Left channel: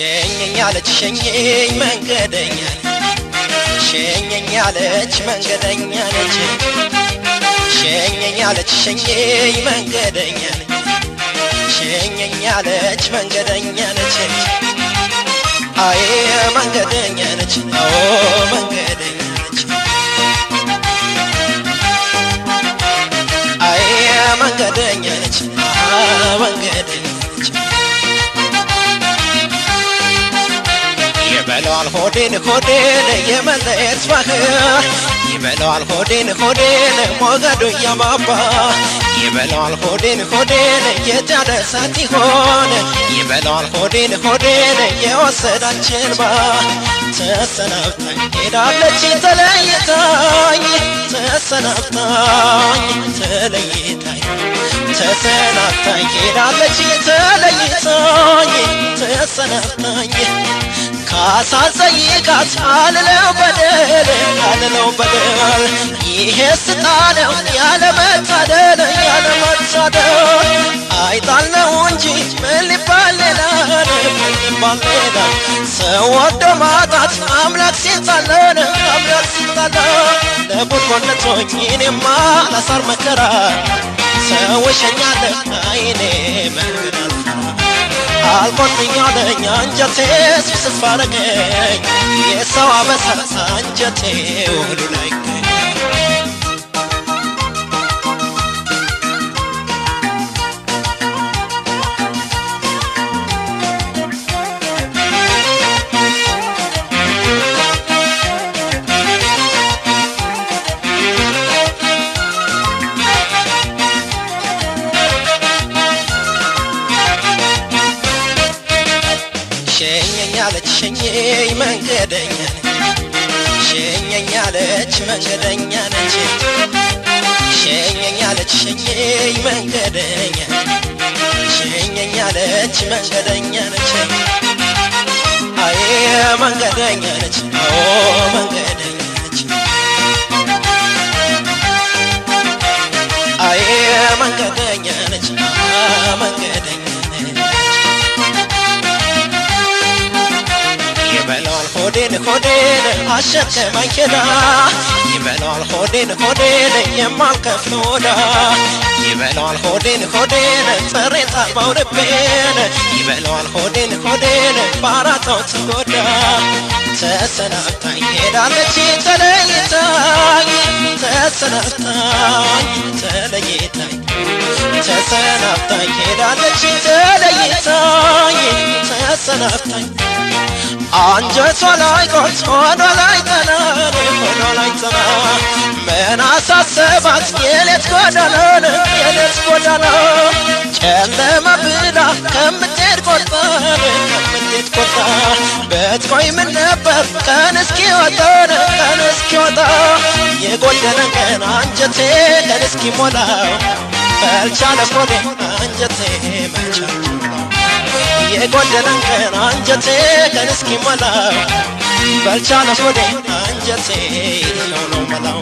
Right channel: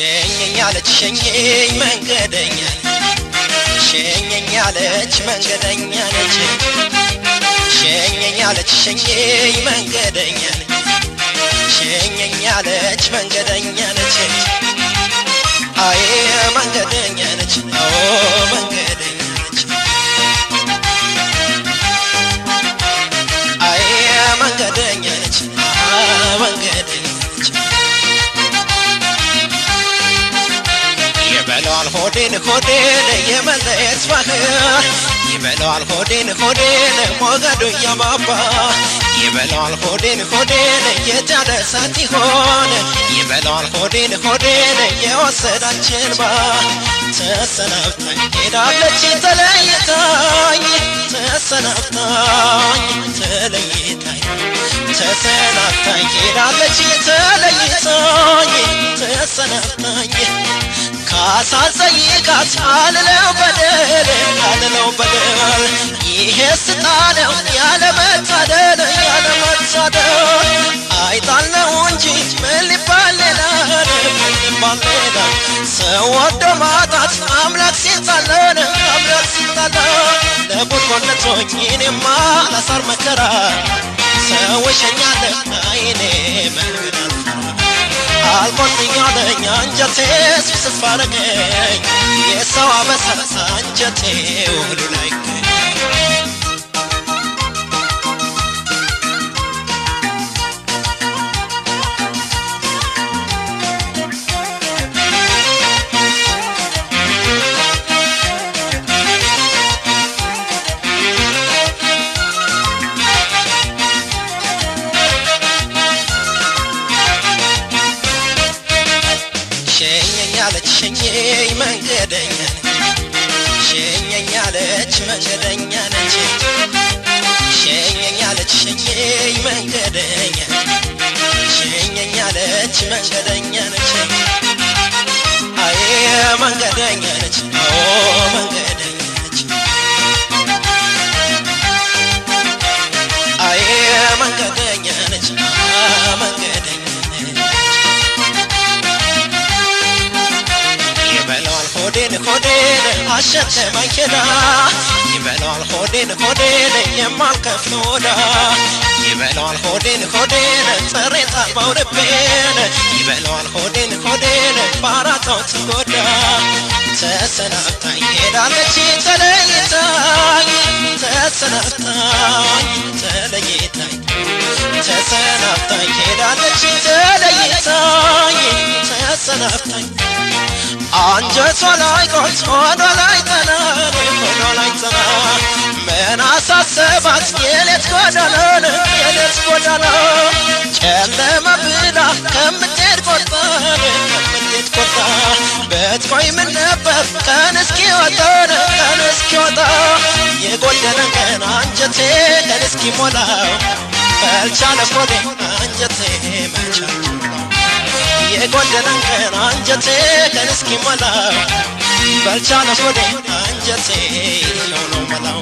ሸኘኝ አለች ሸኘኝ መንገደኛ ሸኘኝ አለች መንገደኛ ነች ሸኘኝ አለች ሸኘኝ መንገደኛ ሸኘኝ አለች መንገደኛ ነች አይ መንገደኛ ነች መንገደኛ ነች አይ መንገደኛ ነች መንገደኛ ይበለዋል ሆዴን ሆዴን የመለየት ባህር ይበለዋል ሆዴን ሆዴን ሞገዱ እያባባ ይበለዋል ሆዴን ሆዴን የጫነ እሳት ይሆን ይበለዋል ሆዴን ሆዴን የወሰዳችን ባ ተሰናብታኝ ሄዳለች ተለይታኝ ተሰናብታኝ ተለይታኝ ተሰናብታኝ ሄዳለች ተለይታኝ ተሰናብታኝ ካሳዘይቃት አልለው በደል ይሄ ስጣነው ያለመታደል አይጣል ነው እንጂ ምን ሊባል ሌላ ሰው ወዶ ማጣት አምላክ ሲጣለን ለቡድጎነቶኝ እኔማ ለሳር መከራ ሰው ይሸኛለ አይኔ አልቆጥኛለኝ አንጀቴ ስብስብ አረገኝ የሰው አበሳ አንጀቴ ወደ ላይ ሸኘኝ መንገደኛ ሸኘኝ አለች መንገደኛ ነች ሸኘኝ አለች ሸኘኝ መንገደኛ ሸኘኝ አለች መንገደኛ ነች አይ መንገደኛ ነች መንገደኛ ነች አይ መንገደኛ ነች መንገደኛ ይበለዋል ሆዴን ሆዴን አሸከማኝ ሄዳ ይበለዋል ሆዴን ሆዴን የማልከፍል ወዳ ይበለዋል ሆዴን ሆዴን ጥሬት አልባው ልቤን ይበለዋል ሆዴን ሆዴን ባራታው ትጎዳ ተሰናብታኝ ሄዳለች ተለይታኝ ተሰናብታኝ ተለይታኝ ተሰናብታኝ ሄዳለች ተለይታኝ ተሰናብታኝ አንጀቷ ላይ ቆርጥ ሆዷ ላይ ጠና ሆዷ ላይ ጠና ምን አሳሰባት የሌት ጎዳና ጨለማ ብላ ከምትሄድ ቆርጣ በትቆይ ምን ነበር ቀን እስኪወጣ የጎደለ ቀን አንጀቴ ቀን እስኪሞላው በልቻለ ሆዴ አንጀቴ የጎደለን ቀን አንጀቴ ቀን እስኪሞላው በልቻለ ሆዴ አንጀቴ ነው መላው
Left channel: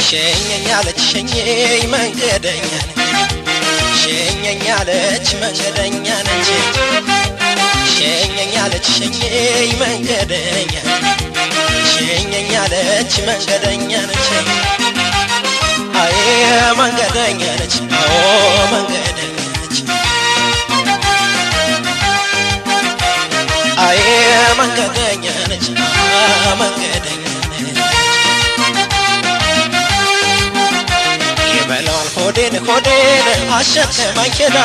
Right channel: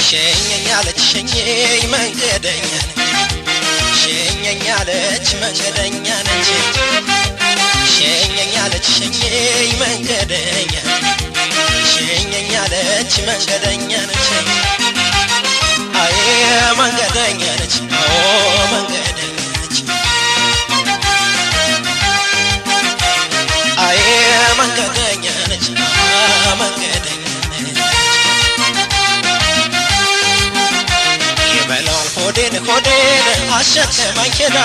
ሸኘኝ አለች ሸኘኝ መንገደኛ ሸኘኝ አለች መንገደኛ ነች ሸኘኝ አለች ሸኘኝ መንገደኛ ሸኘኝ አለች መንገደኛ ነች አይ መንገደኛ ነች መንገደኛ ነች አይ መንገደኛ ነች መንገደኛ ይበለዋል ሆዴን ሆዴን አሸከማኝ ሄዳ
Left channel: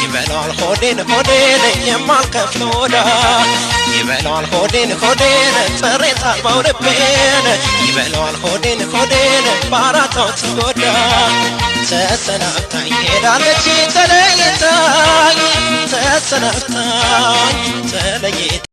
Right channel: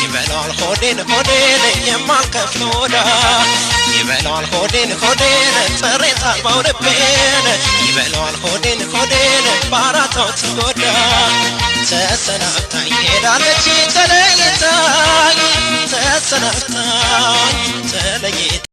ይበለዋል ሆዴን ሆዴን የማልከፍል ወዳ ይበለዋል ሆዴን ሆዴን ጥሬት አልባው ልቤን ይበለዋል ሆዴን ሆዴን ባራታው ትጎዳ ተሰናብታኝ ሄዳለች ተለይታኝ ተሰናብታኝ ተለይታኝ